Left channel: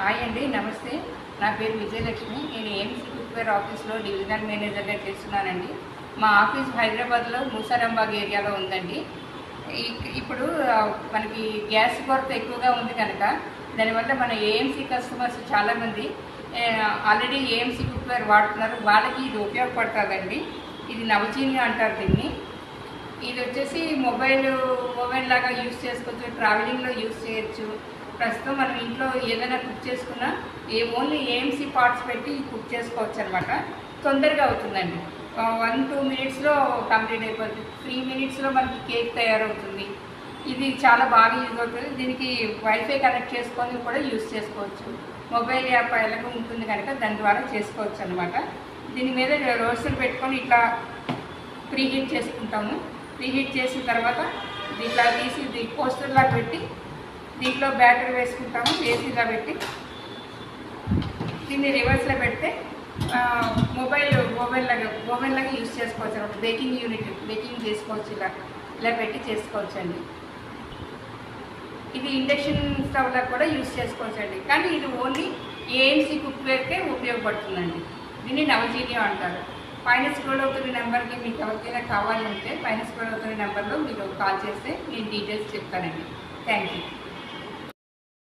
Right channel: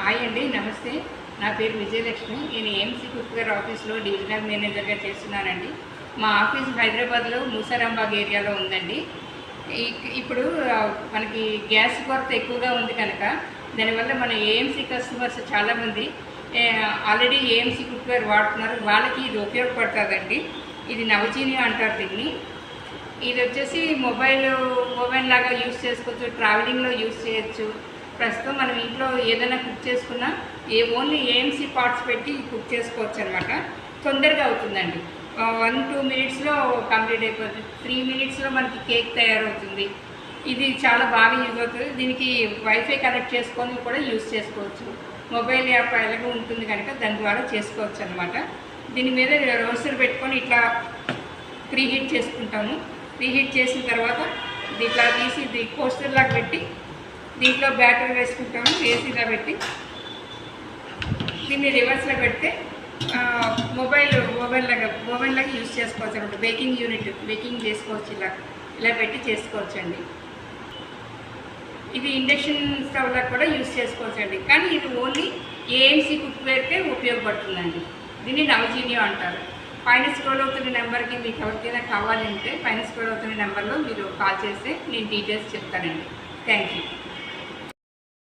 Hi అండి, నమస్తే. నా పేరు విజయలక్ష్మి. నేను ఏఎంసీ కుక్వేర్ ఆఫీస్లో డివిజనల్ మేనేజర్గా చేస్తున్నానండి. మా ఆఫీస్ హైదరాబాద్లో మూసారాంబాగ్ ఏరియాలో ఉందండి. ఇప్పుడు మనకి గ్యాస్ కొరత ఎక్కువగా ఉంది కనుక దానివల్ల మన ఏఎంసీ కస్టమర్స్ చాలామంది ఆల్రెడీ ఏఎంసీ కుక్వేర్ వాడుతున్నారు. వాళ్ళకి ఇది ఉపయోగపడుతుందండి. ఇది నవజీని అంటారు దీన్ని. ఇది వచ్చేసి ఓవెన్ లాగా యూజ్ చేసుకోవచ్చు, ట్రావెలింగ్లో యూజ్ చేయొచ్చు. ప్రస్తుతం మనం ఇంట్లో ఏదైనా కుక్ చేసుకున్నా ఓన్లీ ఏఎంసీ పార్ట్స్ పెట్టి కుక్ చేసుకోవచ్చు అనమాట. తొందరగా అవుతుందండి. 1-2 మినిట్స్లో కంప్లీట్ అయిపోతుంది. 3 మినిట్స్లో మనకి కేక్ తయారవుతుంది. ఇది చాలా బాగా యూజ్ అవుతుంది. దీనికి వైఫై కనెక్ట్ చేసుకొని కూడా యూజ్ చేసుకోవచ్చు. మొబైల్ యాప్ ఎలాగో ఉంటుంది కనుక దాని ద్వారా చేసుకోవచ్చు అనమాట. దీని మీద రోస్టర్ పెట్టుకొని ఇట్లా ప్రీహీట్ చేసుకుంటాము. ప్రీహీట్ చేసిన తర్వాత ఇట్లా తీసి కోస్టర్లాగా పెట్టి దీంట్లో బ్యాటర్ వేసుకుంటాము. వేసిలా పెట్టి దీన్ని రివర్స్లో పెడితే ఓవెన్ లాగా యూజ్ చేసుకోవచ్చు అనమాట. బేకింగ్ చేసుకోవచ్చు. ఇలా పెట్టి చేసుకోవచ్చండి. ఇది ఇండక్షన్ స్టవ్లో కూడా యూజ్ చేసుకోవచ్చండి. కానీ ఇది ఓన్లీ ఏఎంసీ కుక్వేర్కే ఉపయోగపడుతుందండి. దీన్ని నవజీని అంటారు. పైన స్క్రోల్ అవుతున్న నెంబర్కి మీకు ఎవరికైనా కావాలంటే పైన స్క్రోల్ అవుతున్న నెంబర్లో మీరు కాల్ చేస్తే నేను డీటెయిల్స్ చెప్తానండి. Thank you.